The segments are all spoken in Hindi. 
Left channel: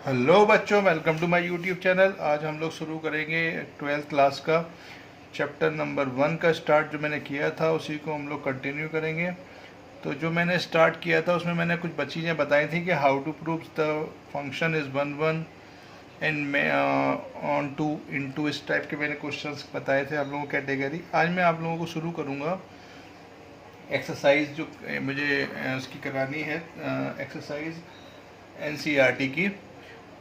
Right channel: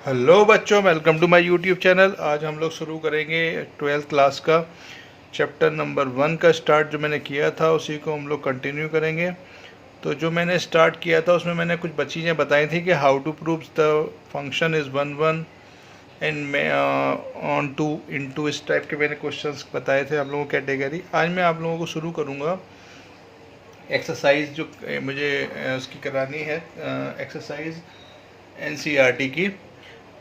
हेलो बच्चों, welcome to my YouTube channel. आज हम लोग शुरू करेंगे 12th क्लास का चैप्टर नंबर 1 का स्टार्ट। जो मैंने किया था उसी को हम लोग कंटिन्यू करेंगे। तो जो मैंने स्टार्ट किया था उसमें मैंने कुछ चीज़ें बताई थी कि how to prove the function is one one and onto into, इस टाइप के मैंने क्वेश्चंस बताए थे आप लोगों को कैटेगरी। आज मैं आप लोगों को शुरू करूँगा एक्सरसाइज जो मुझे उसकी करानी है, एक्सरसाइज एनसीईआरटी की।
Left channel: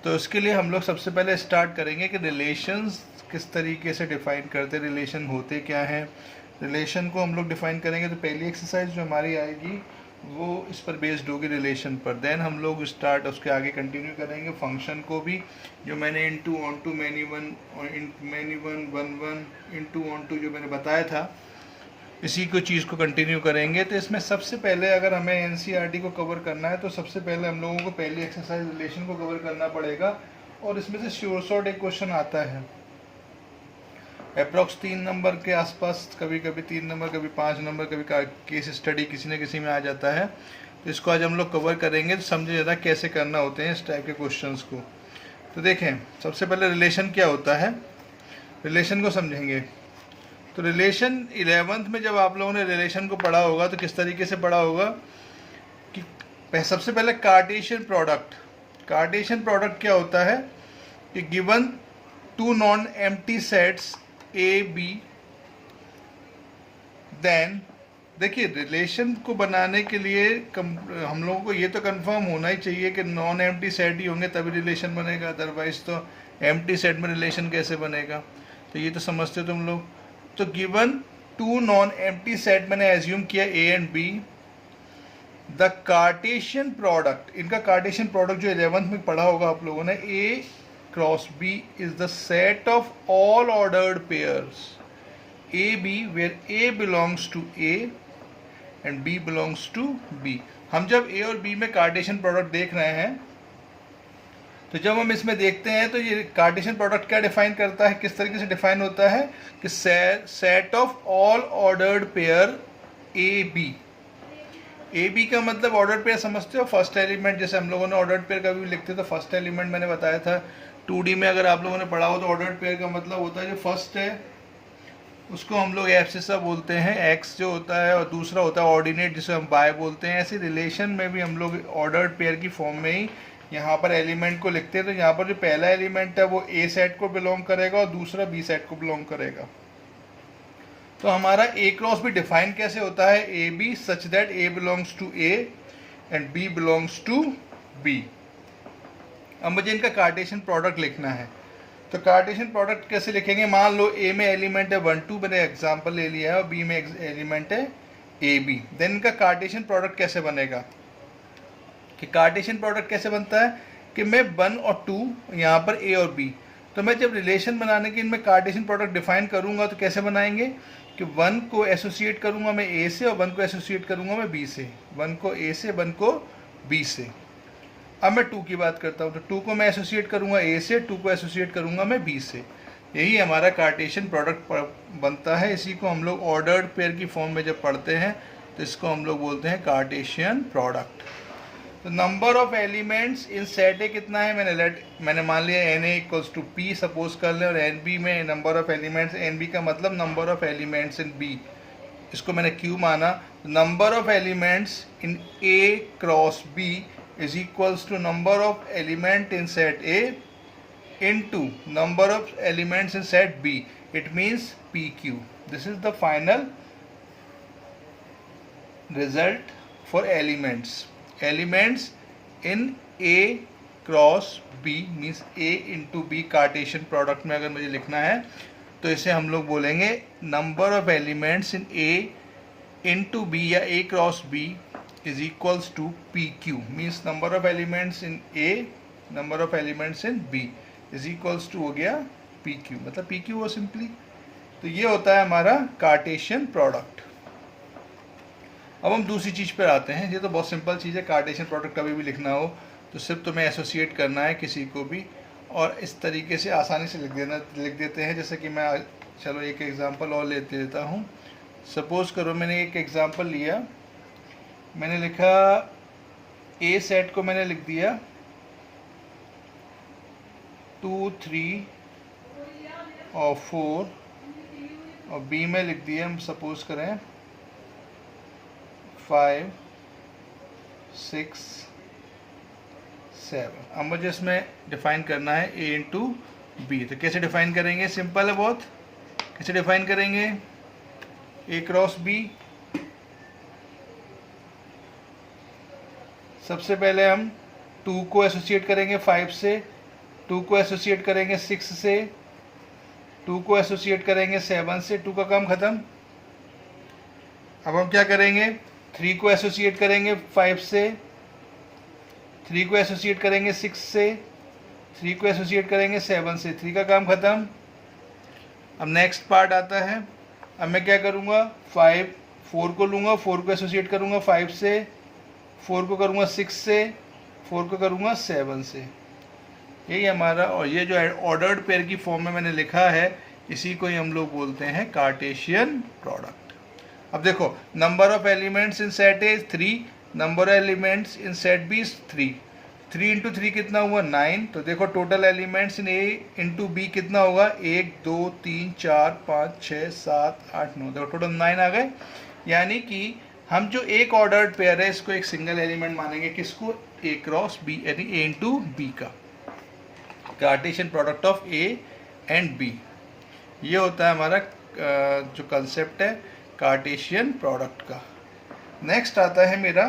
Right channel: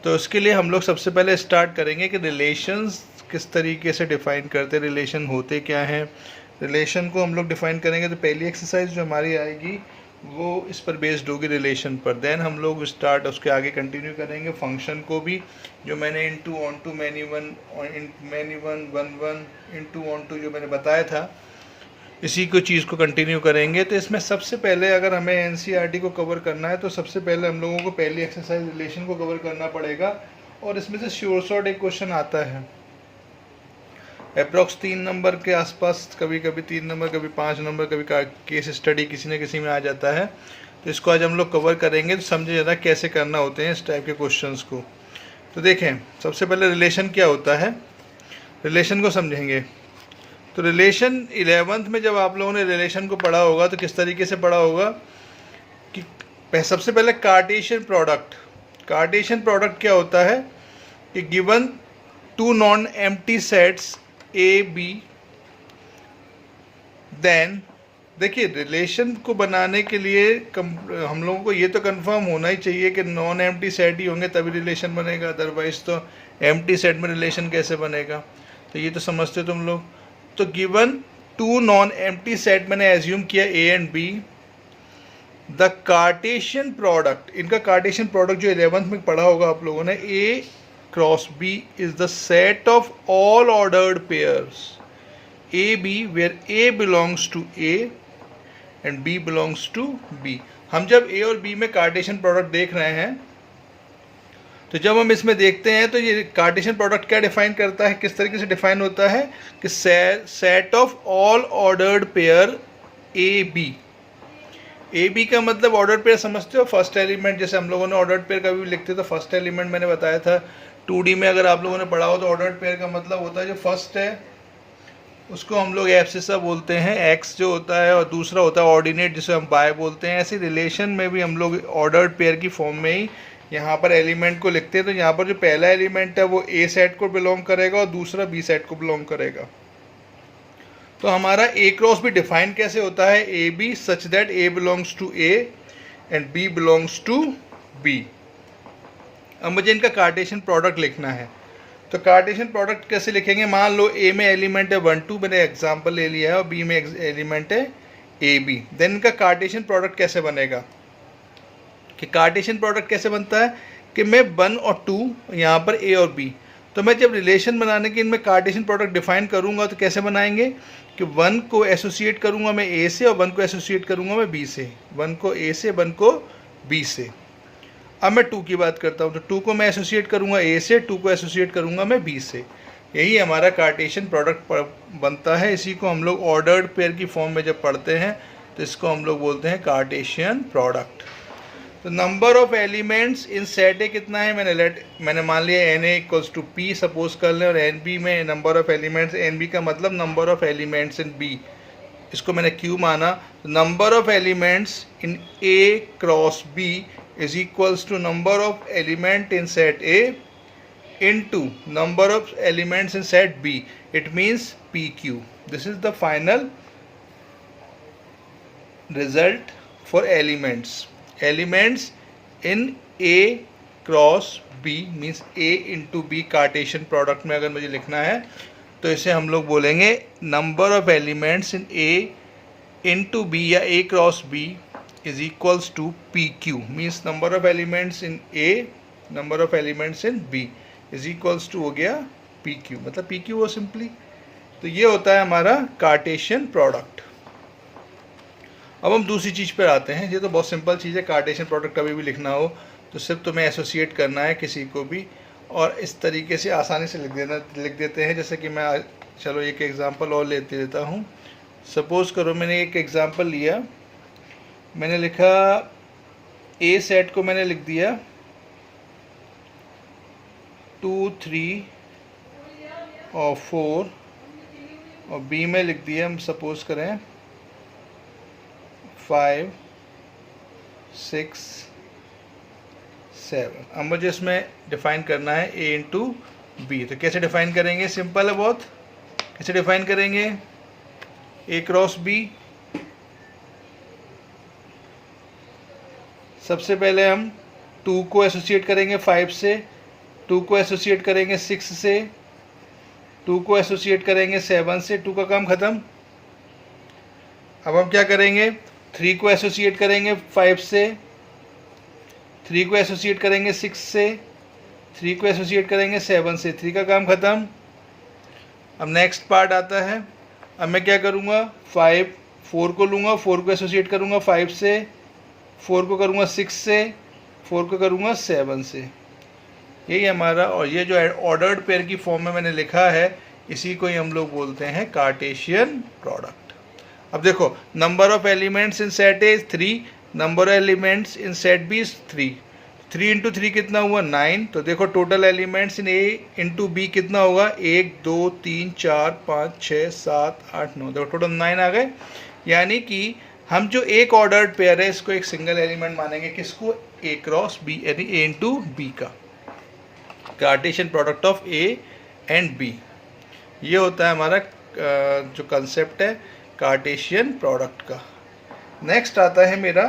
तो उसके लिए हम लोग सबसे पहले स्टार्ट करेंगे कि रिलेशंस किस तरीके से डिफ़ाइन करते हैं, रिलेशन होते क्या हैं। रिलेशन को हम लोग डिफ़ाइन करेंगे तो पहली एक्सरसाइज जो हमारी आएगी वो इस पर बेस्ड होगी, रिलेशन पर। देन हम लोग स्टार्ट उसके आगे कंटिन्यू करेंगे फंक्शन को भी, जो मैंने into onto many one one one into onto जो मैंने बताया था, इसी को चीज़ को कंटिन्यू करेंगे। तो इसमें सबसे पहले अगर हमें एनसीईआरटी को कवर करना है तो सबसे पहले हम लोगों को पहली एक्सरसाइज रिलेशन को कवर करना पड़ेगा। और इसमें से श्योर शॉर्ट एक क्वेश्चन आता है अप्रॉक्स 3 नंबर के आसपास, कभी कभी 3 नंबर, कभी 5 नंबर, कभी केस स्टडी किसी न किसी में आ जाता है। तो इसको आज हम लोग कवर करेंगे, तो समझे ज़रा कैसे करना होते हैं इस टाइप के क्वेश्चंस को। तो देखें, सबसे पहले रिलेशन क्या होता है, रिलेशन को समझेंगे। तो रिलेशन 11th में जब आप लोगों ने रिलेशन को पढ़ा होगा तो किस तरीके से पढ़ा होगा कि सबसे पहले कार्टेशियन प्रोडक्ट। कार्टेशियन प्रोडक्ट क्या होता है कि given two non empty sets A B, then देखिए रिलेशन को बनाने के लिए हम लोगों को ये तो कंफर्म होना ही चाहिए कि नॉन एम्प्टी सेट ही होंगे तभी रिलेशन बनेगा, अदरवाइज तो एम्प्टी सेट में रिलेशन कैसे बनेगा। तो ये तो समझते हो तुम लोग। तो given two non empty set मैंने एज्यूम किया A and B, the Cartesian product, इनका कार्टेशियन प्रोडक्ट जो 11th में पढ़ा होगा आप लोगों ने, A cross B is the set of all ordered pairs A B where A belongs to A and B belongs to B. हम जब ए और बी में कार्टेशियन प्रोडक्ट देख रहे हैं तो जब हम इसमें देखते हैं तो ये कार्टेशियन प्रोडक्ट क्या डिफाइन करता है, किस तरीके से डिफाइन होता है कि set of all ordered pair A B. A B का मतलब ऑर्डर्ड पेयर समझते हो, फर्स्ट एलिमेंट, जैसे हम लोगों ने ऑर्डर्ड पेयर का भी लिखते थे, फर्स्ट एलिमेंट मैंने बताया था 2D में। अगर आप लोगों ने पढ़ा हो तो ऑर्डर्ड पेयर का मतलब होता है जो फर्स्ट है उसको हम लोग एब्सिसा बोलते हैं, एक्स जो होता है, और दूसरा होता है ऑर्डिनेट जिसे हम बाय बोलते हैं। ऐसे रिलेशन में भी हम लोग ऑर्डर्ड पेयर की फॉर्म में ही यहाँ पर एलिमेंट को लिखते हैं। तो यहाँ पर जो पहला एलिमेंट है वो ए सेट को बिलोंग करेगा और दूसरा बी सेट को बिलोंग करेगा। तो हमारा ए क्रॉस भी डिफाइन कैसे होता है, A B such that A belongs to A and B belongs to B. अब मुझे इनका कार्टेशियन प्रोडक्ट लिखना है। तो कार्टेशियन प्रोडक्ट कैसे लिखेंगे, मान लो ए में एलिमेंट है 1 2, मैंने एग्जांपल ले लिया है, और बी में एलिमेंट है ए बी। देन इनका कार्टेशियन प्रोडक्ट कैसे बनेगा, कि कार्टेशियन प्रोडक्ट कैसे बनता है कि मैं 1 और 2 यहाँ पर ए और बी, तो मैं जब रिलेशन बनाने के इनमें कार्टेशियन प्रोडक्ट डिफाइन करूँगा तो कैसे बनाएंगे कि 1 को एसोसिएट करूँगा मैं ए से और 1 को एसोसिएट करूँगा मैं बी से, 1 को ए से 1 को बी से। अब मैं 2 की बात करता हूँ, तो 2 को मैं एसोसिएट करूँगा ए से, 2 को एसोसिएट करूँगा मैं बी से। यही हमारा कार्टेशियन प्रोडक्ट बनता है। इसी को हम लोग ऑर्डर्ड पेयर की फॉर्म में जब पढ़ते हैं तो इसको हम लोग बोलते हैं कार्टेशियन प्रोडक्ट। तो number of elements in set A कितना है, मैंने मान लिया N A equals to P suppose कर लें, और एन बी में number of elements, N B का मतलब number of elements in B, इसको मैंने क्यू माना। Number of elements in A cross B is equals to number of element in set A into number of elements in set B. It means PQ. This is the final result for elements. Elements in A cross B means A into B Cartesian product में अगर मुझे लिखना है तो इसे हम लोग बोलेंगे number of elements in A into B या A cross B is equals to PQ, means number of elements in A, number of elements in B is equals to हो गया PQ, मतलब PQ वो सिंपली। तो ये होता है हमारा कार्टेशियन प्रोडक्ट। अब हम दूसरी चीज़ पर आते हैं। ये तो बहुत सिंपल चीज़ है, कार्टेशियन प्रोडक्ट कभी भी लिखना हो तो सिर्फ तुम्हें एसोसिएट करना है किसी को भी, और इस तरीके से आसानी से लिख देते हैं। जैसे कि मैं, चलो एक एग्जांपल और लेते देता हूँ। सपोज़ करो मैंने एक एग्जांपल लिया, मैंने लिखा ए सेट को मैंने लिख दिया 2, 3 और 4 और बी में लिख दिया हम सपोज करें 5, 6, 7। अब मुझे इसमें डिफाइन करना है ए इंटू बी। तो कैसे डिफाइन करेंगे? सिंपल है बहुत। कैसे डिफाइन करेंगे? ए क्रॉस बी। सबसे पहले हम 2 को एसोसिएट करेंगे 5 से, 2 को एसोसिएट करेंगे 6 से, 2 को एसोसिएट करेंगे 7 से। 2 का काम खत्म। अब हम क्या करेंगे? 3 को एसोसिएट करेंगे 5 से, 3 को एसोसिएट करेंगे 6 से, 3 को एसोसिएट करेंगे 7 से। 3 का काम खत्म। अब नेक्स्ट पार्ट आता है। अब मैं क्या करूँगा? 4 को लूँगा, 4 को एसोसिएट करूँगा 5 से, 4 को करूँगा 6 से, 4 को करूँगा 7 से। यही हमारा, और ये जो ऑर्डर्ड पेयर की फॉर्म में मैंने लिखा है, इसी को ही हम लोग बोलते हैं कार्टेशियन प्रोडक्ट। अब देखो, number of elements in set A is 3, number of elements in set B is 3। 3 into 3 कितना हुआ? 9। तो देखो total elements in A into B कितना होगा? 1, 2, 3, 4, 5, 6, 7, 8, 9। देखो टोटल 9 आ गए। यानी कि हम जो एक ऑर्डर्ड पेयर है इसको एक सिंगल एलिमेंट मानेंगे। किसको? ए क्रॉस बी, यानी ए इंटू बी का Cartesian product of A and B. ये होता है हमारा जो कंसेप्ट है कार्टेशियन प्रोडक्ट का। नेक्स्ट आता है मेरा,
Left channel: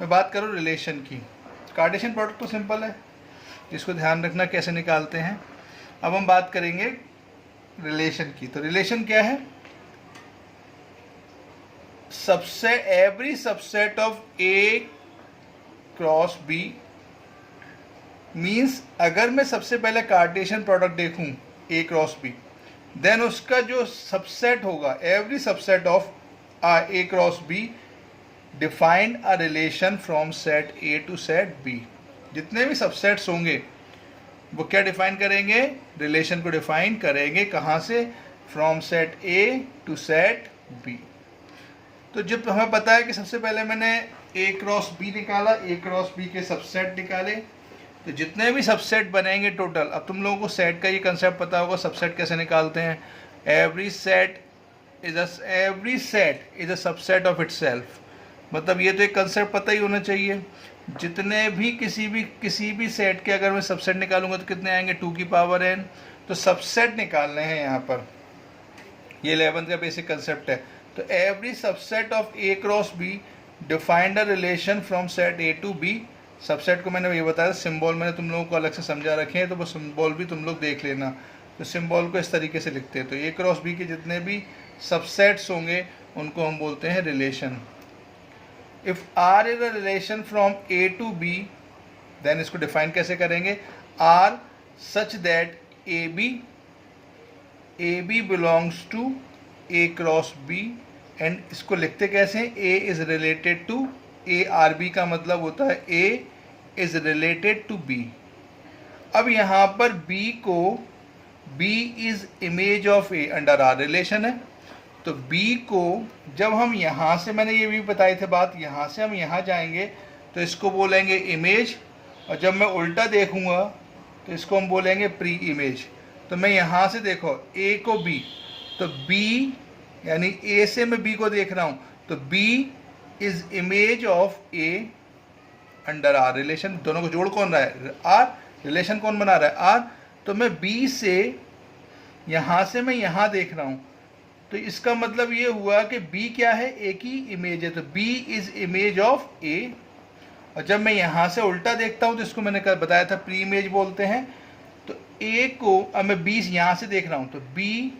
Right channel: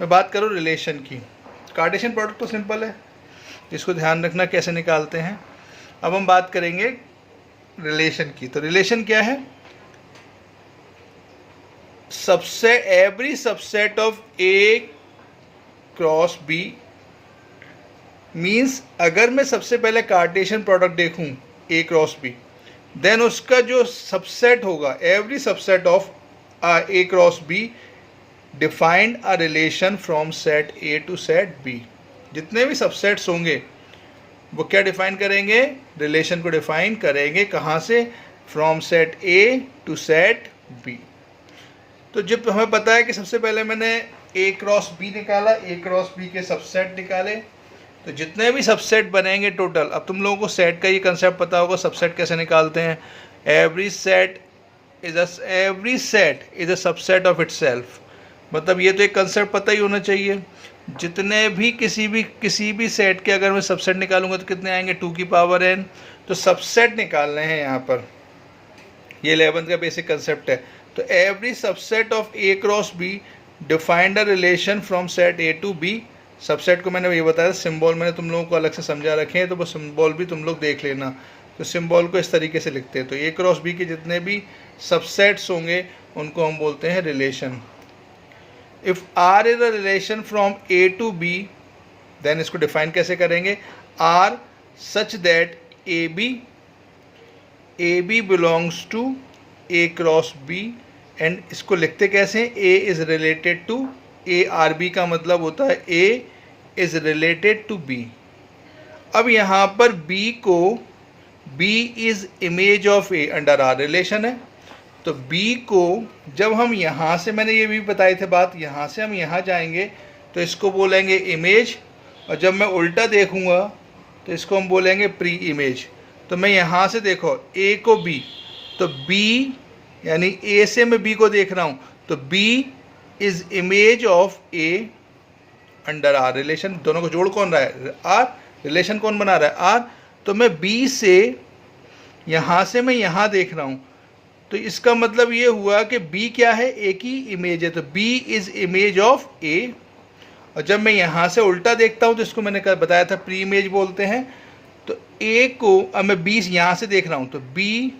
मैं बात करूँ रिलेशन की। कार्टेशियन प्रोडक्ट तो सिंपल है, इसको ध्यान रखना कैसे निकालते हैं। अब हम बात करेंगे रिलेशन की। तो रिलेशन क्या है? Every subset of A cross B means, अगर मैं सबसे पहले कार्टेशियन प्रोडक्ट देखूं ए क्रॉस बी, देन उसका जो सबसेट होगा, every subset of A cross B defined a relation from set A to set B. जितने भी सबसेट्स होंगे वो क्या डिफाइन करेंगे? रिलेशन को डिफाइन करेंगे। कहाँ से? From set A to set B. तो जब हमें पता है कि सबसे पहले मैंने ए क्रॉस बी निकाला, ए क्रॉस बी के सबसेट निकाले, तो जितने भी सबसेट बनेंगे टोटल, अब तुम लोगों को सेट का ये कंसेप्ट पता होगा, सबसेट कैसे निकालते हैं। Every set is a subset of itself. मतलब ये तो एक कंसेप्ट पता ही होना चाहिए। जितने भी किसी भी सेट के अगर मैं सबसेट निकालूंगा तो कितने आएंगे? 2 की पावर n। तो सबसेट निकालने हैं यहाँ पर। ये 11th का बेसिक कंसेप्ट है। तो every subset of A cross B defined a relation from set A to B. Subset को मैंने ये बताया, सिंबल मैंने तुम लोगों को अलग से समझा रखे हैं, तो वो सिंबल भी तुम लोग देख लेना। तो सिंबल को इस तरीके से लिखते हैं। तो ए क्रॉस बी के जितने भी सबसेट्स होंगे उनको हम बोलते हैं relation. If R is a relation from A to B, then इसको डिफाइन कैसे करेंगे? R such that A B belongs to A cross B. And इसको लिखते कैसे? A is related to A. R B का मतलब होता है A is related to B. अब यहाँ पर B is image of A under R relation है। तो बी को जब हम यहाँ से, मैंने ये भी बताई थे बात, यहाँ से हम यहाँ जाएंगे तो इसको बोलेंगे इमेज, और जब मैं उल्टा देखूँगा तो इसको हम बोलेंगे प्री इमेज। तो मैं यहाँ से देखो ए को बी, तो बी यानी ए से मैं बी को देख रहा हूँ, तो B is image of A under R relation. दोनों को जोड़ कौन रहा है? आर। रिलेशन कौन बना रहा है? आर। तो मैं बी से यहाँ से मैं यहाँ देख रहा हूँ, तो इसका मतलब ये हुआ कि बी क्या है? ए की इमेज है। तो B is image of A. और जब मैं यहाँ से उल्टा देखता हूँ तो इसको मैंने बताया था प्री इमेज बोलते हैं। तो ए को, अब मैं बी यहाँ से देख रहा हूँ, तो बी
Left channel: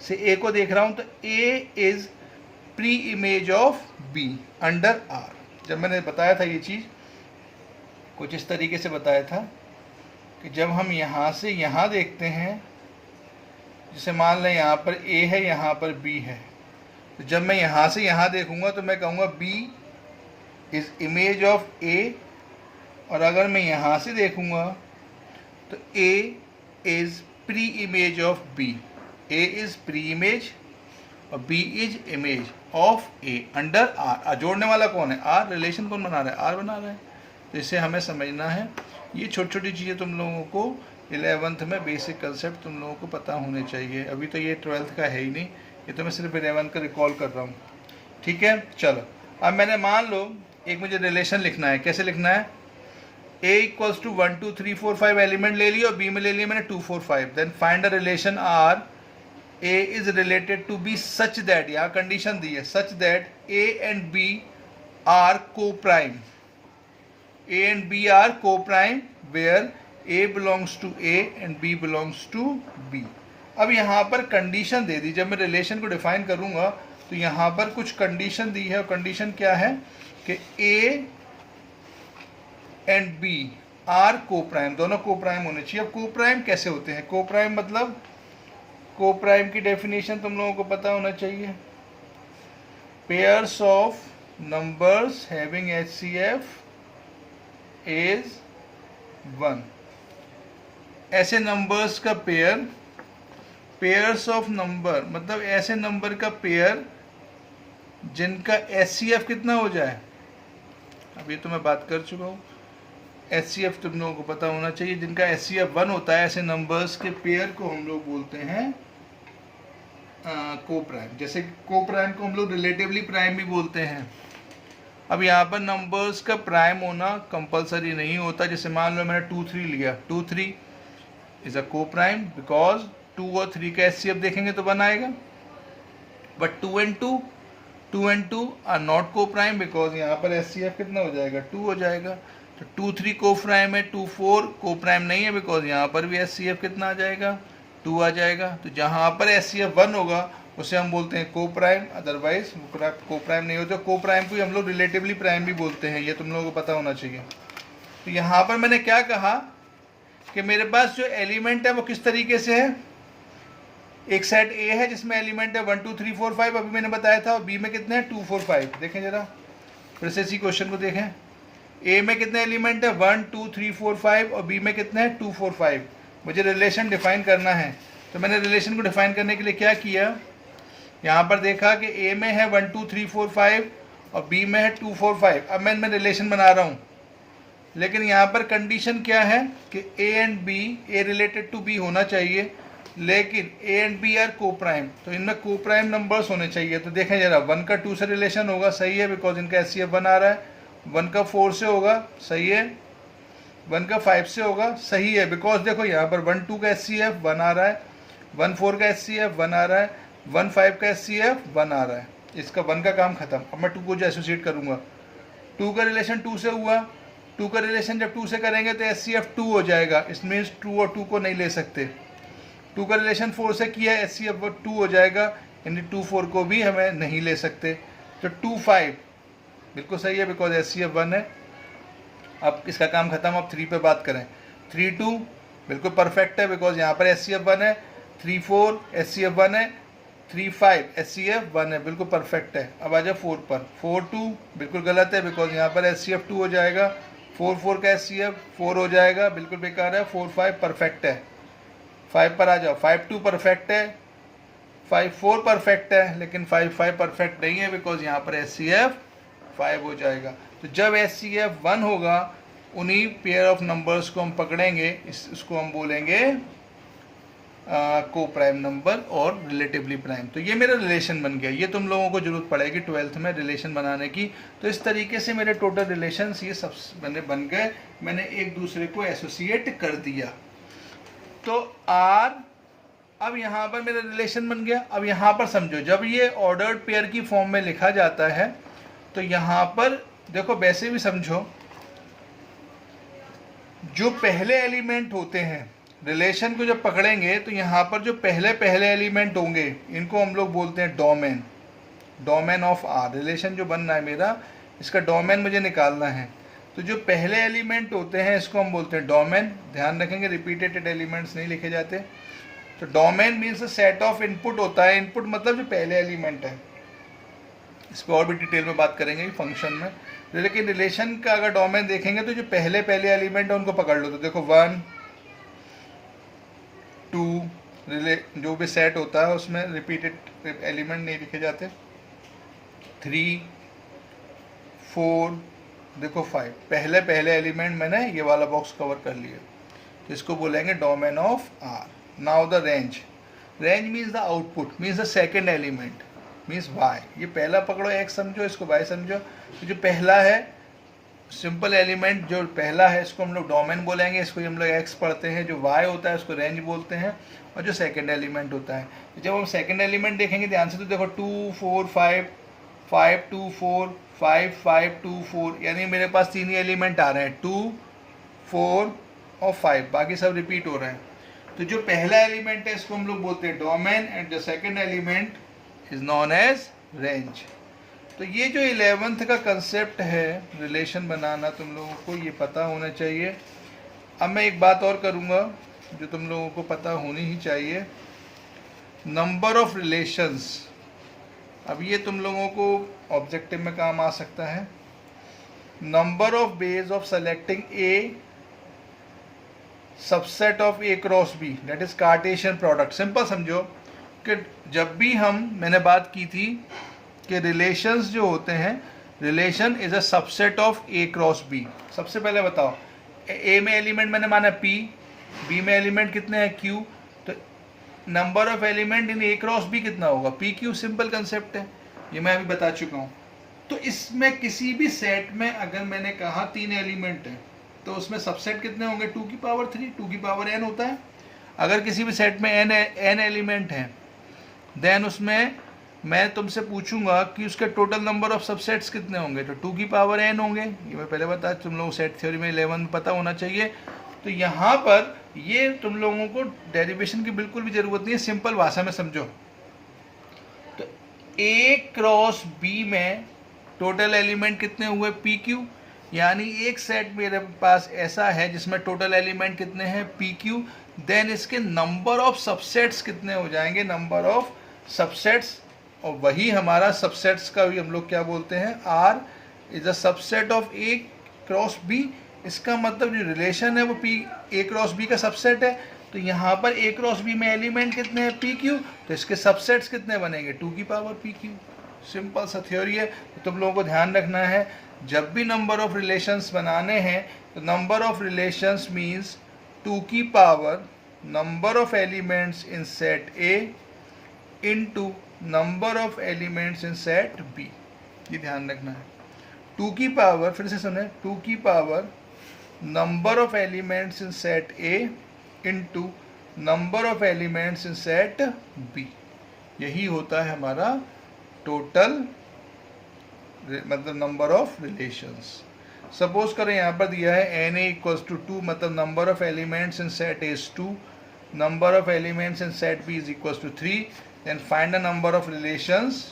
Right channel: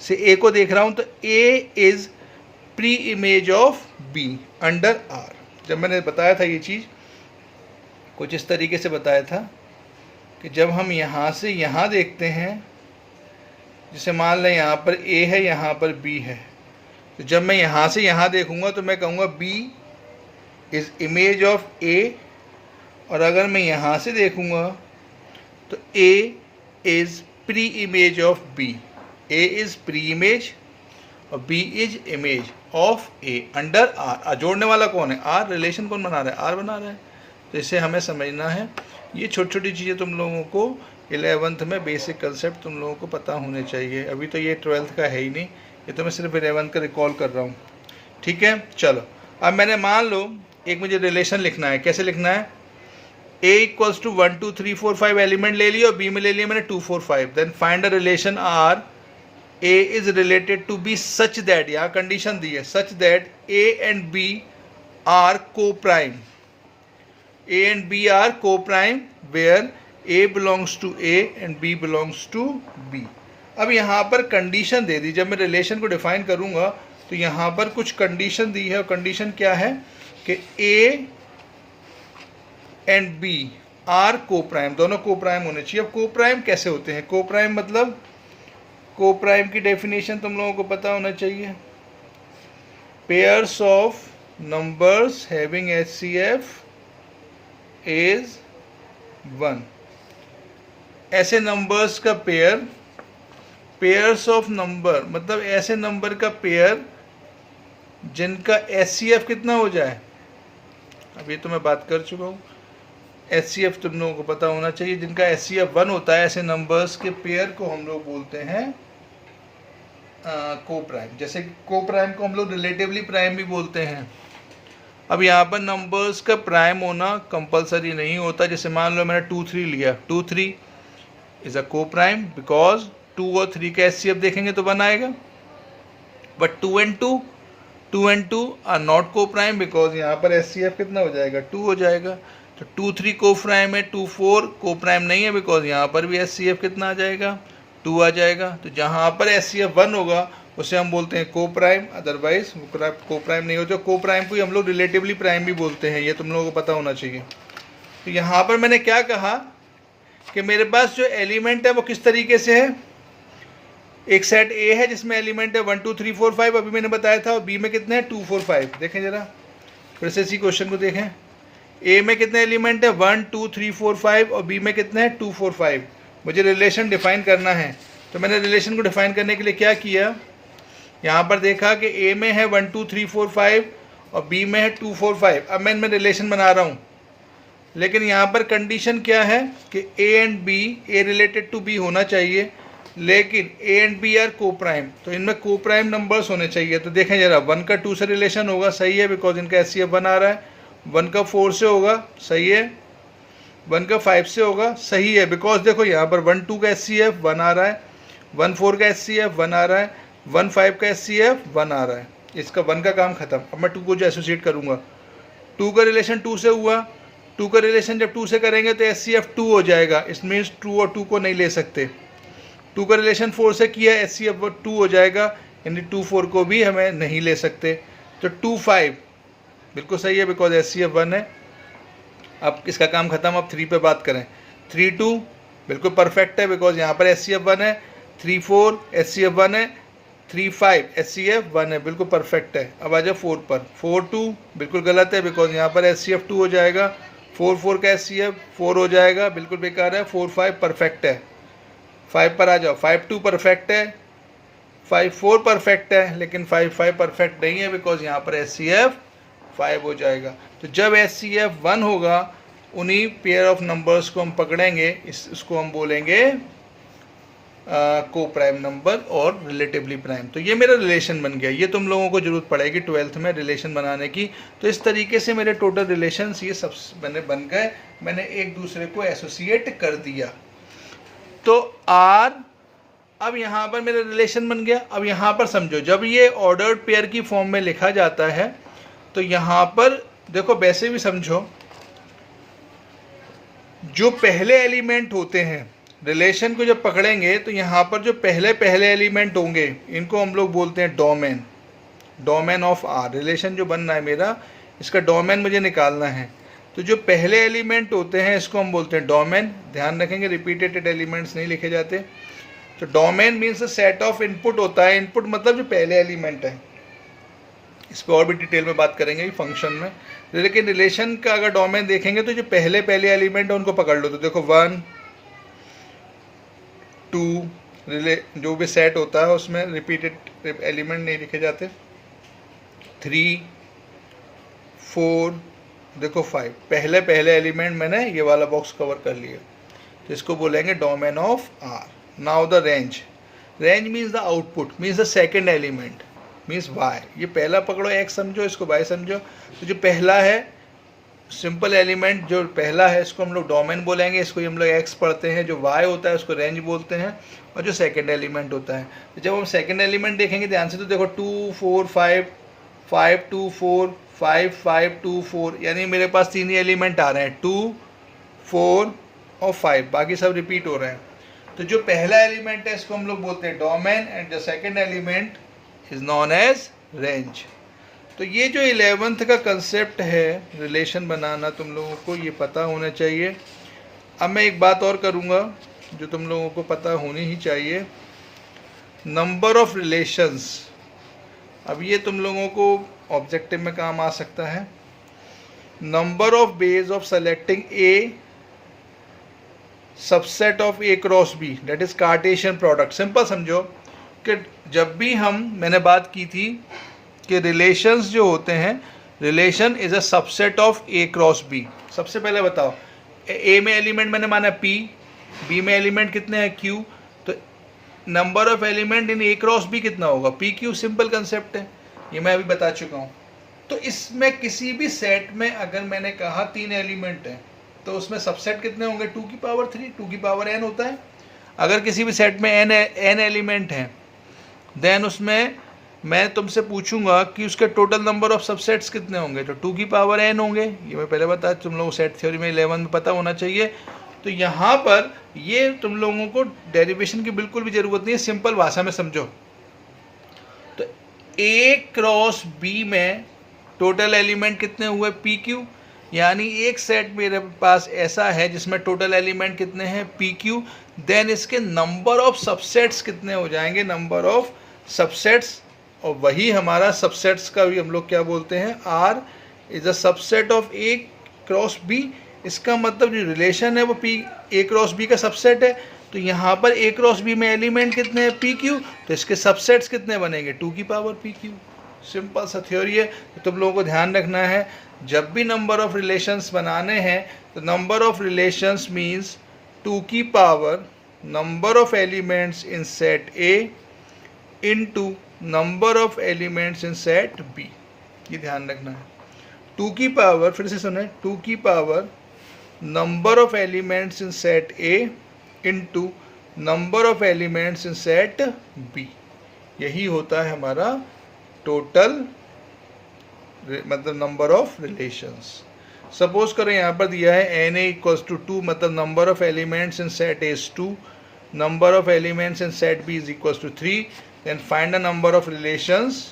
से ए को देख रहा हूँ, तो A is pre image of B under R. जब मैंने बताया था ये चीज़ कुछ इस तरीके से बताया था कि जब हम यहाँ से यहाँ देखते हैं, जैसे मान लें यहाँ पर ए है, यहाँ पर बी है, तो जब मैं यहाँ से यहाँ देखूँगा तो मैं कहूँगा B is image of A. और अगर मैं यहाँ से देखूँगा तो A is pre image of B. A is pre image और B is image of A under R. जोड़ने वाला कौन है? आर। रिलेशन कौन बना रहा है? आर बना रहा है। तो इसे हमें समझना है ये छोटी छोटी चीज़ें तुम लोगों को 11th में बेसिक कंसेप्ट तुम लोगों को पता होने चाहिए। अभी तो ये 12th का है ही नहीं, ये तो मैं सिर्फ 11th का रिकॉल कर रहा हूँ। ठीक है, चलो अब मैंने मान लो एक मुझे रिलेशन लिखना है। कैसे लिखना है? a इक्वल्स टू 1 2 3 4 5 एलिमेंट ले लिया और b में ले लिया मैंने 2 4 5। Then find a relation r a is related to b such that, यहाँ कंडीशन दी है, such that a and b are coprime. a and b are co-prime where a belongs to a and b belongs to b। अब यहाँ पर कंडीशन दे दी, जब मैं रिलेशन को डिफाइन करूँगा तो यहाँ पर कुछ कंडीशन दी है, और कंडीशन क्या है कि a and b are coprime, दोनों को-प्राइम होने चाहिए। अब को-प्राइम कैसे होते हैं? को-प्राइम मतलब, को-प्राइम की डेफिनेशन तुम लोगों को पता होना चाहिए, pairs of numbers having HCF is 1। ऐसे नंबर्स का पेयर, पेयर्स ऑफ नंबर मतलब ऐसे नंबर का पेयर जिनका HCF कितना हो जाए। अब ये तो मैं बात कर चुका हूँ, HCF तुम लोगों को पता होना चाहिए, जिनका HCF 1 होता है, ऐसे नंबर्स के पेयर को हम लोग बोलते हैं को प्राइम। जैसे को प्राइम को हम लोग रिलेटिवली प्राइम भी बोलते हैं। अब यहाँ पर नंबर्स का प्राइम होना कंपलसरी नहीं होता। जैसे मान लो मैंने 2 3 लिया, 2 3 इज अ को प्राइम बिकॉज 2 और 3 का HCF देखेंगे तो 1 आएगा। बट 2 and 2 आर नॉट को प्राइम बिकॉज यहाँ पर HCF कितना हो जाएगा? 2 हो जाएगा। तो 2 3 को प्राइम है, 2 4 को प्राइम नहीं है बिकॉज यहाँ पर भी HCF कितना आ जाएगा? 2 आ जाएगा। तो जहाँ पर HCF 1 होगा उसे हम बोलते हैं को प्राइम, अदरवाइज को प्राइम नहीं होते। को प्राइम को ही हम लोग रिलेटिवली प्राइम भी बोलते हैं, ये तुम लोगों को पता होना चाहिए। तो यहाँ पर मैंने क्या कहा कि मेरे पास जो एलिमेंट है वो किस तरीके से है, एक सेट A है जिसमें एलिमेंट है 1 2 3 4 5, अभी मैंने बताया था, और B में कितने हैं? 2 4 5। देखें जरा फिर से इसी क्वेश्चन को देखें, A में कितने एलिमेंट है? 1 2 3 4 5, और B में कितने हैं? 2 4 5। मुझे रिलेशन डिफाइन करना है, तो मैंने रिलेशन को डिफाइन करने के लिए क्या किया, यहाँ पर देखा कि A में है 1 2 3 4 5 और B में है 2 4 5। अब मैं रिलेशन बना रहा हूँ, लेकिन यहाँ पर कंडीशन क्या है कि A and B, A related to B होना चाहिए, लेकिन A and B are coprime, तो इनमें को प्राइम नंबर्स होने चाहिए। तो देखें जरा, 1 का 2 से रिलेशन होगा, सही है बिकॉज इनका HCF 1 आ रहा है। 1 का 4 से होगा, सही है। 1 का 5 से होगा, सही है बिकॉज देखो यहाँ पर 1 2 का HCF 1 आ रहा है, 1 4 का HCF 1 आ रहा है, 1 5 का HCF 1 आ रहा है। इसका 1 का काम खत्म। अब मैं 2 को जो एसोसिएट करूँगा, 2 का रिलेशन 2 से हुआ, 2 का रिलेशन जब 2 से करेंगे तो HCF 2 हो जाएगा। इस मीन्स 2 और 2 को नहीं ले सकते। 2 का रिलेशन 4 से किया, HCF 2 हो जाएगा, यानी 2 4 को भी हमें नहीं ले सकते। तो 2 5 बिल्कुल सही है बिकॉज HCF 1 है। अब इसका काम खत्म। अब 3 पे बात करें, 3 2 बिल्कुल परफेक्ट है बिकॉज यहाँ पर HCF 1 है, 3 4 HCF 1 है, 3 5 HCF 1 है, बिल्कुल परफेक्ट है। अब आ जाए 4 पर, 4 2 बिल्कुल गलत है बिकॉज यहाँ पर HCF 2 हो जाएगा, 4 4 का HCF 4 हो जाएगा, बिल्कुल बेकार है। 4 5 परफेक्ट है। 5 पर आ जाओ, 5 2 परफेक्ट है, 5 4 परफेक्ट है, लेकिन 5 5 परफेक्ट नहीं है बिकॉज यहाँ पर HCF 5 हो जाएगा। तो जब HCF 1 होगा, उन्हीं पेयर ऑफ नंबर्स को हम पकड़ेंगे, इसको हम बोलेंगे को प्राइम नंबर और रिलेटिवली प्राइम। तो ये मेरा रिलेशन बन गया। ये तुम लोगों को जरूरत पड़ेगी 12th में रिलेशन बनाने की। तो इस तरीके से मेरे टोटल रिलेशंस ये सब बन गए, मैंने एक दूसरे को एसोसिएट कर दिया। तो R अब यहाँ पर मेरा रिलेशन बन गया। अब यहाँ पर समझो, जब ये ऑर्डर्ड पेयर की फॉर्म में लिखा जाता है तो यहाँ पर देखो, वैसे भी समझो, जो पहले एलिमेंट होते हैं रिलेशन को जब पकड़ेंगे तो यहाँ पर जो पहले एलिमेंट होंगे इनको हम लोग बोलते हैं domain, domain of R। Relation जो बन रहा है मेरा, इसका डोमेन मुझे निकालना है। तो जो पहले एलिमेंट होते हैं इसको हम बोलते हैं डोमेन। ध्यान रखेंगे रिपीटेड एलिमेंट्स नहीं लिखे जाते। तो domain means a set of input होता है। इनपुट मतलब जो पहले एलिमेंट है। इस पर और भी डिटेल में बात करेंगे फंक्शन में। लेकिन रिलेशन का अगर डोमेन देखेंगे तो जो पहले एलिमेंट है उनको पकड़ लो। तो देखो 1 2 जो भी सेट होता है उसमें रिपीटेड एलिमेंट नहीं लिखे जाते। 3 4 देखो 5 पहले पहले एलिमेंट मैंने ये वाला बॉक्स कवर कर लिया, इसको बोलेंगे domain of R. Now the range, range means the output, means the second element, means Y. ये पहला पकड़ो एक्स समझो, इसको वाई समझो। तो जो पहला है सिंपल एलिमेंट, जो पहला है इसको हम लोग डोमेन बोलेंगे, इसको हम लोग एक्स पढ़ते हैं। जो वाई होता है उसको रेंज बोलते हैं, और जो सेकंड एलिमेंट होता है, तो जब हम सेकंड एलिमेंट देखेंगे ध्यान से, तो देखो 2 4 5 5 2 4 5 5 2 4, यानी मेरे पास तीन ही एलिमेंट आ रहे हैं, 2 4 और 5, बाकी सब रिपीट हो रहे हैं। तो जो पहला एलिमेंट है इसको हम लोग बोलते हैं domain, and the second element is known as range. तो ये जो 11th का कंसेप्ट है रिलेशन बनाना, तुम लोगों को ये पता होना चाहिए। अब मैं एक बात और करूँगा जो तुम लोगों को पता होनी ही चाहिए, नंबर ऑफ रिलेशंस। अब ये तुम लोगों को ऑब्जेक्टिव में काम आ सकता है। Number of ways of selecting a subset of A cross B, that is Cartesian product. Simple समझो कि जब भी मैंने बात की थी कि रिलेशंस जो होते हैं, relation is a subset of A cross B. सबसे पहले बताओ, ए में एलिमेंट मैंने माना पी, बी में एलिमेंट कितने हैं क्यू, तो number of element in A cross B कितना होगा, पी क्यू। सिंपल कंसेप्ट है, ये मैं अभी बता चुका हूँ। तो इसमें किसी भी सेट में अगर मैंने कहा 3 एलिमेंट हैं, तो उसमें सबसेट कितने होंगे, 2 की पावर 3, 2 की पावर n होता है। अगर किसी भी सेट में n एलिमेंट हैं, देन उसमें मैं तुमसे पूछूंगा कि उसके टोटल नंबर ऑफ सबसेट्स कितने होंगे, तो 2 की पावर n होंगे। ये मैं पहले बताया, तुम लोगों को सेट थ्योरी में 11 में पता होना चाहिए। तो यहाँ पर ये तुम लोगों को डेरिवेशन की बिल्कुल भी ज़रूरत नहीं है, सिंपल भाषा में समझो। तो ए क्रॉस बी में टोटल एलिमेंट कितने हुए, पी क्यू, यानी एक सेट मेरे पास ऐसा है जिसमें टोटल एलिमेंट कितने हैं, पी क्यू। देन इसके नंबर ऑफ सबसेट्स कितने हो जाएंगे, नंबर ऑफ सबसेट्स, और वही हमारा सबसेट्स का भी हम लोग क्या बोलते हैं, R is a subset of A cross B. इसका मतलब जो रिलेशन है वो पी ए क्रॉस बी का सबसेट है। तो यहाँ पर ए क्रॉस बी में एलिमेंट कितने हैं, पी क्यू, तो इसके सबसेट्स कितने बनेंगे, 2 की पावर पी क्यू। सिंपल सा थ्योरी है। तो तुम लोगों को ध्यान रखना है, जब भी नंबर ऑफ रिलेशंस बनाने हैं, तो नंबर ऑफ रिलेशंस मीन्स 2 की power number of elements in set A into number of elements in set B. ये ध्यान रखना है। 2 की पावर, फिर से सुने, 2 की power number of elements in set A into number of elements in set B. यही होता है हमारा टोटल, मतलब नंबर ऑफ रिलेशंस। सपोज करें यहाँ पर दिया है एन ए इक्वल्स टू 2, मतलब number of elements in set A is 2, number of elements in set B is equals to 3। Then find the number of relations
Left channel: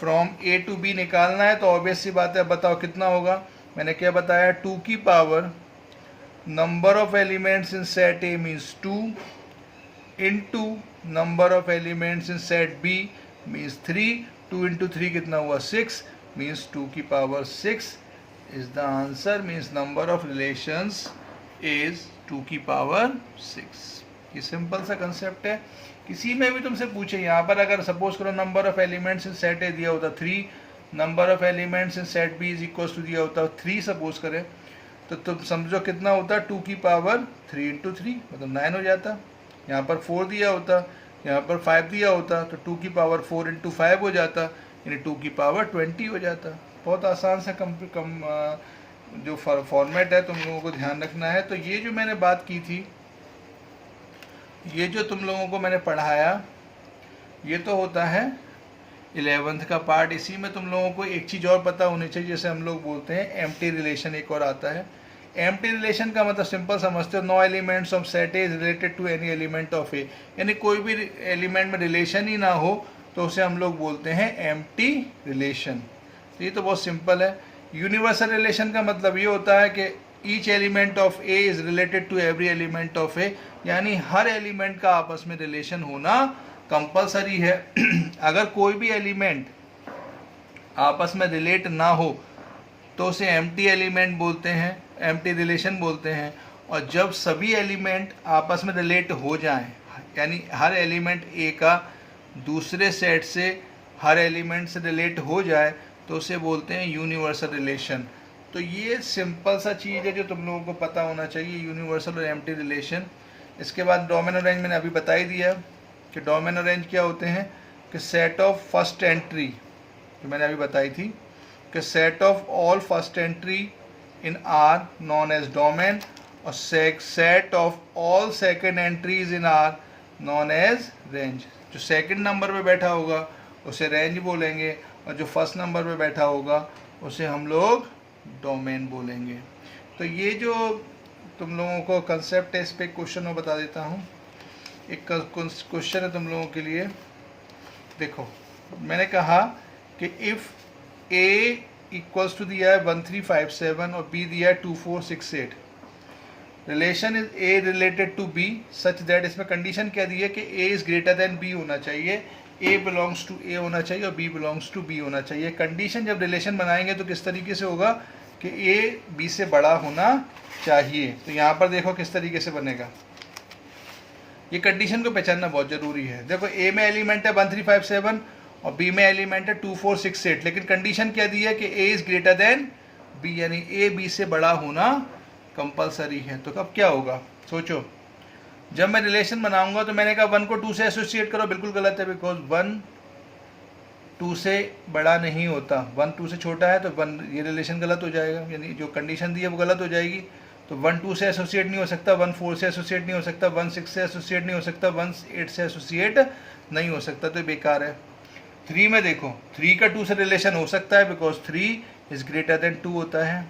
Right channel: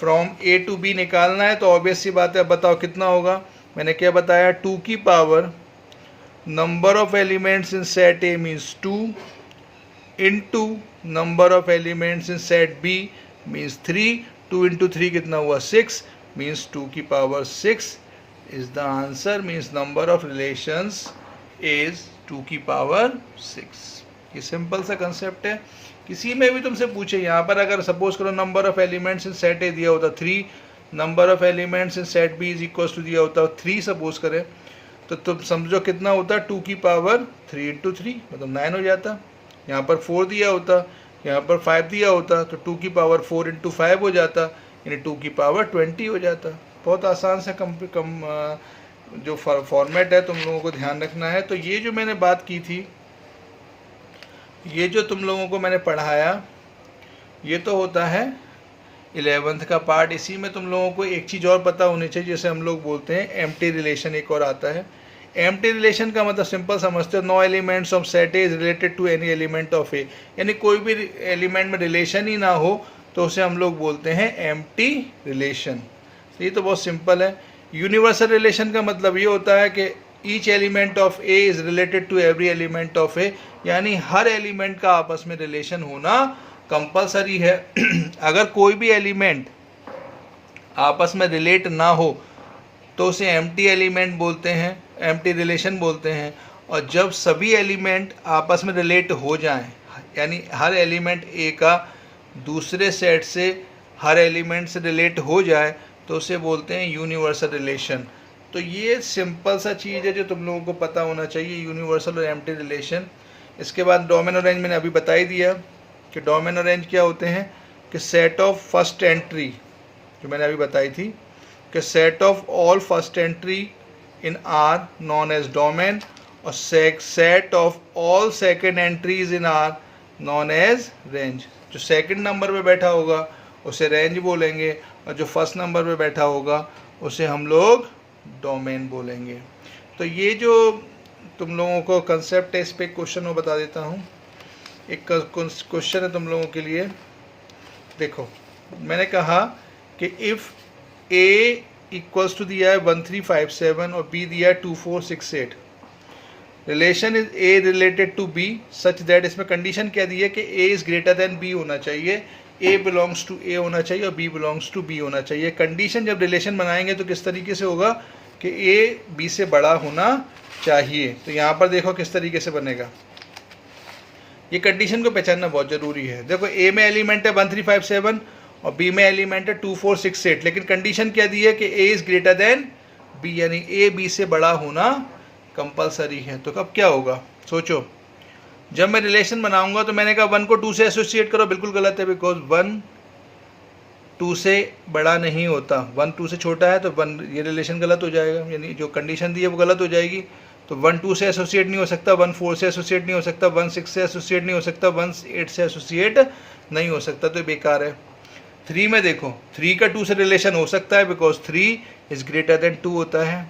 from A to B निकालना है। तो ऑब्वियस सी बात है, अब बताओ कितना होगा। मैंने क्या बताया, 2 की power number of elements in set A means 2 into number of elements in set B means 3। 2 into 3 कितना हुआ, 6, मीन्स 2 की power 6 is the answer, means number of relations is 2 की पावर 6। ये सिंपल सा कंसेप्ट है। किसी में भी तुमसे पूछे, यहाँ पर अगर सपोज करो number of elements in set A दिया होता 3, number of elements in set B is equals to दिया होता 3 सपोज करें, तो तुम समझो कितना होता, 2 की पावर 3 इंटू 3 मतलब 9 हो जाता। यहाँ पर 4 दिया होता, यहाँ पर 5 दिया होता, तो 2 की पावर 4 इंटू 5 हो जाता, यानी 2 की पावर 20 हो जाता। बहुत आसान सा जो फॉर्मेट है तुम लोगों को ध्यान रखना है। तो ये जो मैंने बात की थी, ये जो तुम लोगों को मैंने पढ़ाया, ये तो होता है 11th का पार्ट। इसी में तुम लोगों को एक चीज़ और पता होनी चाहिए, जैसे हम लोग बोलते हैं एम्प्टी रिलेशन, एक और आता है। एम्प्टी रिलेशन का मतलब सिंपल समझते हो, no elements of set A is related to any element of A, यानी कोई भी एलिमेंट में रिलेशन ही ना हो तो उसे हम लोग बोलते हैं एम्प्टी रिलेशन। ये तो बहुत सिंपल है। यूनिवर्सल रिलेशन का मतलब ये होता है कि each element of A is related to every element of A, यानी हर एलिमेंट का आपस में रिलेशन होना कंपलसरी है। अगर कोई भी एलिमेंट आपस में रिलेट ना हो तो उसे एम्प्टी एलिमेंट बोलते हैं, एम्प्टी रिलेशन बोलते हैं। और जब सभी एलिमेंट आपस में रिलेट हो जाएं, यानी हर एलिमेंट ए का दूसरे सेट से हर एलिमेंट से रिलेट हो जाए, तो उसे बोलते हैं यूनिवर्सल रिलेशन। तो ये सिंपल सा चीज़ है जो तुम लोगों को पता होना चाहिए, यूनिवर्सल और एम्प्टी रिलेशन। इसके बाद डोमेन और रेंज मैंने अभी बता ही दिया कि डोमेन और रेंज क्या होते हैं कि सेट ऑफ फर्स्ट एंट्री, जो मैंने अभी बताई थी कि set of all first entry in R known as domain, और set of all second entries in R known as range. जो सेकंड नंबर पे बैठा होगा उसे रेंज बोलेंगे, और जो फर्स्ट नंबर पे बैठा होगा उसे हम लोग डोमेन बोलेंगे। तो ये जो तुम लोगों को कंसेप्ट है, इस पे क्वेश्चन मैं बता देता हूँ। एक क्वेश्चन है तुम लोगों के लिए। देखो, मैंने कहा कि इफ़ ए इक्वल्स टू दिया है 1357 और बी दिया है 2468, relation is A related to B such that, इसमें कंडीशन क्या दी है कि A is greater than B होना चाहिए, ए बिलोंग्स टू ए होना चाहिए और बी बिलोंग्स टू बी होना चाहिए। कंडीशन जब रिलेशन बनाएंगे तो किस तरीके से होगा कि ए बी से बड़ा होना चाहिए। तो यहाँ पर देखो किस तरीके से बनेगा, ये कंडीशन को पहचानना बहुत ज़रूरी है। देखो, ए में एलिमेंट है 1357 और बी में एलिमेंट है 2468, लेकिन कंडीशन क्या दी है कि A is greater than B, यानी ए बी से बड़ा होना कंपलसरी है। तो कब क्या होगा, सोचो। जब मैं रिलेशन बनाऊंगा तो मैंने कहा 1 को 2 से एसोसिएट करो, बिल्कुल गलत है, बिकॉज 1 2 से बड़ा नहीं होता, 1 2 से छोटा है, तो 1, ये रिलेशन गलत हो जाएगा, यानी जो कंडीशन दी है वो गलत हो जाएगी। तो 1 2 से एसोसिएट नहीं हो सकता, 1 4 से एसोसिएट नहीं हो सकता, 1 6 से एसोसिएट नहीं हो सकता, 1 8 से एसोसिएट नहीं हो सकता, तो बेकार है। 3 में देखो, 3 का 2 से रिलेशन हो सकता है बिकॉज 3 इज़ ग्रेटर देन 2 होता है,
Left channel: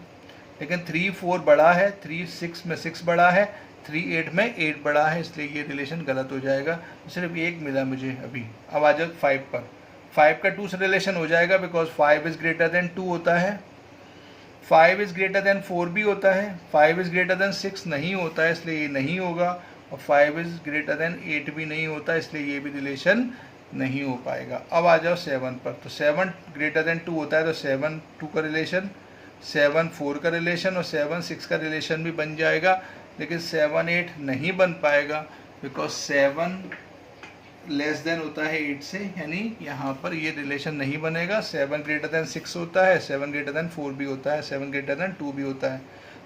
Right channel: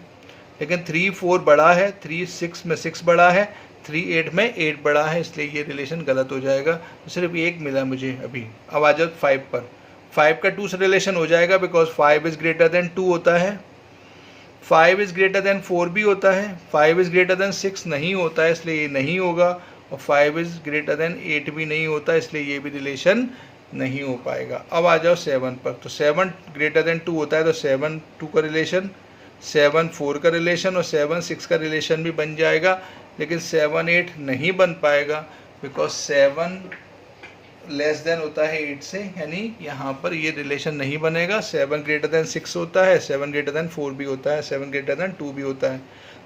लेकिन 3 4 बड़ा है, 3 6 में 6 बड़ा है, 3 8 में 8 बड़ा है, इसलिए ये रिलेशन गलत हो जाएगा। सिर्फ एक मिला मुझे अभी। अब आ जाओ 5 पर। 5 का 2 से रिलेशन हो जाएगा बिकॉज 5 इज़ ग्रेटर देन 2 होता है, 5 इज़ ग्रेटर देन 4 भी होता है, 5 इज़ ग्रेटर देन 6 नहीं होता है, इसलिए ये नहीं होगा, और 5 इज़ ग्रेटर देन 8 भी नहीं होता, इसलिए ये भी रिलेशन नहीं हो पाएगा। अब आ जाओ 7 पर। तो 7 ग्रेटर देन 2 होता है, तो 7 2 का रिलेशन, 7 4 का रिलेशन और 7 6 का रिलेशन भी बन जाएगा, लेकिन 7 8 नहीं बन पाएगा बिकॉज 7 लेस देन होता है 8 से, यानी यहाँ पर ये रिलेशन नहीं बनेगा। 7 ग्रेटर देन 6 होता है, 7 ग्रेटर देन 4 भी होता है, 7 ग्रेटर देन 2 भी होता है।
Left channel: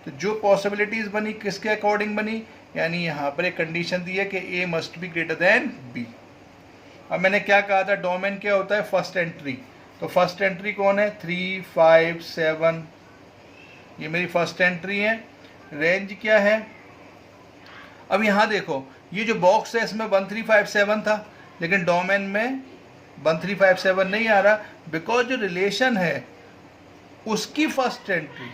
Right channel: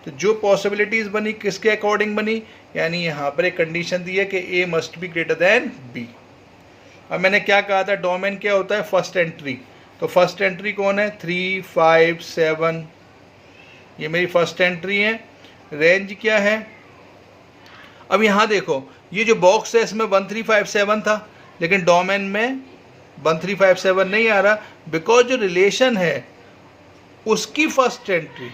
तो जो पॉसिबिलिटीज़ बनी किसके अकॉर्डिंग बनी, यानी यहाँ पर एक कंडीशन दी है कि A must be greater than B. अब मैंने क्या कहा था, डोमेन क्या होता है, फर्स्ट एंट्री। तो फर्स्ट एंट्री कौन है, 3 5 7, ये मेरी फर्स्ट एंट्री है। रेंज क्या है, अब यहाँ देखो, ये जो बॉक्स है इसमें 1357 था, लेकिन डोमेन में 1357 नहीं आ रहा बिकॉज जो रिलेशन है उसकी फर्स्ट एंट्री,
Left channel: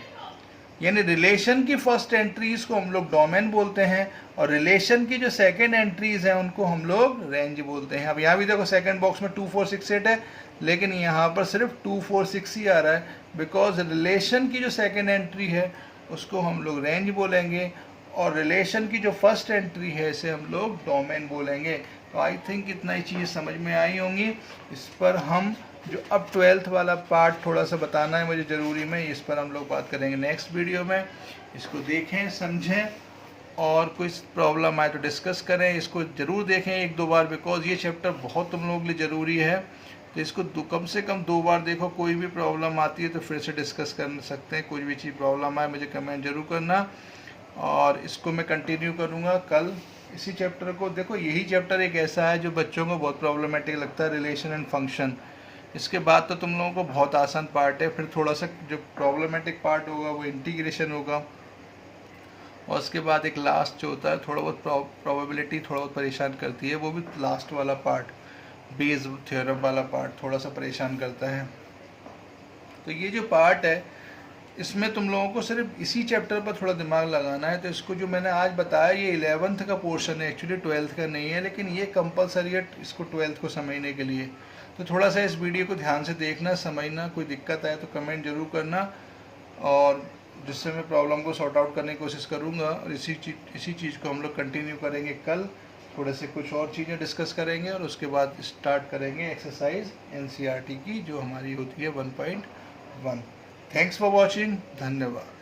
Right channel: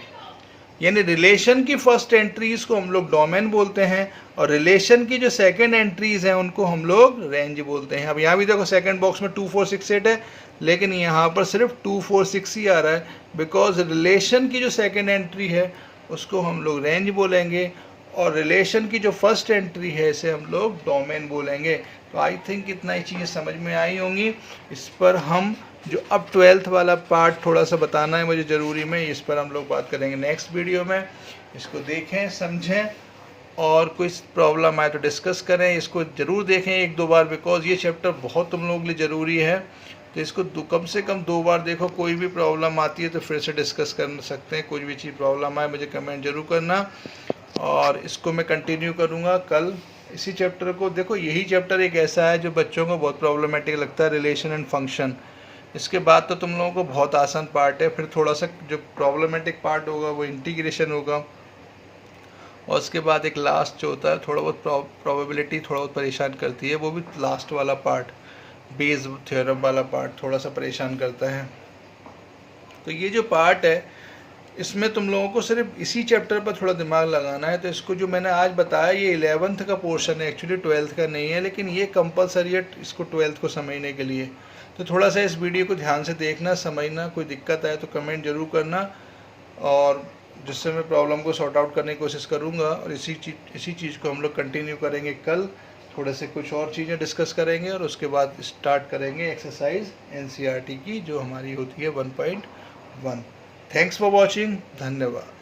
यानी रिलेशन की फर्स्ट एंट्रीज को हम लोग डोमेन बोलते हैं, और रिलेशन की जो सेकंड एंट्रीज हैं उनको हम लोग रेंज बोलते हैं। अब यहाँ भी देखो, सेकंड बॉक्स में 2468 है, लेकिन यहाँ पर सिर्फ 246 ही आ रहा है बिकॉज रिलेशन की जो सेकंड एंट्री है उसको हम लोग रेंज बोलेंगे, और रिलेशन की जो फर्स्ट एंट्री है इसे हम लोग डोमेन बोलेंगे। तो आई थिंक इतना ही चीज़ें समझ में आई होंगी। इस पर हम जो अब 12th वाला पार्ट थोड़ा सा बताना है मुझे ज़रूरी में, इस पर हम लोग बात करेंगे नेक्स्ट वीडियो में। इसको देखें, समझें, और कोई प्रॉब्लम आए तो डिस्कस करें। इसको ज़रूर देखें 1-2 बार बिकॉज ये चैप्टर बहुत तुम लोगों के लिए ज़रूरी है। तो इसको कम से कम 2 बार देखो। कोई भी प्रॉब्लम आती है तो फिर से डिस्कस कर सकते हैं। कोई भी चीज़ प्रॉब्लम आए मुझे कमेंट ज़रूर करना, और इसको मैं कंटिन्यू करूँगा कल इसी चैप्टर को। देखो, यही चैप्टर एक ऐसा है जो बच्चों को बहुत प्रॉब्लमेटिक लगता है, रिलेशन एंड फंक्शन। इसके बाद तो तुम लोगों को बहुत आसान पार्ट है, फिर थोड़ा सा जो प्रॉब्लमेटिक पार्ट होगा वो इंटीग्रेशन होगा, और उसके बाद एक लास्ट जो होता है थोड़ा बहुत प्रोबेबिलिटी थोड़ा बहुत परेशान करती है, वो भी लास्ट वाला पार्ट, बेस थ्योरम वाला पार्ट थोड़ा सा परेशान करता है। तो ये जो पार्ट है इसमें तुम लोगों को सिर्फ इसी चैप्टर पर थोड़ा दिमाग लगाना है। तो इसको जो मैंने आज बताया ये 11th का पोर्शन है, एक्चुअली 12th का नहीं है, लेकिन ये कंपलसरी है इसको 12th को समझने के लिए। तो थोड़ा सा इस वीडियो को ध्यान से देखना, समझना। कोई दिक्कत आए तो कमेंट ज़रूर करना, और जिससे मैं प्रॉब्लम को सॉर्ट आउट करने की कोशिश करूँगा। और इसी चीज़ को हम लोग कंटिन्यू करेंगे कल। थोड़े से कुछ और चीज़ें डिस्कस करेंगे, और उसके बाद स्टार्ट करेंगे एक्सरसाइज NCERT की जो हमारी होती है 1.1। थैंक्स फॉर वॉचिंग, धन्यवाद।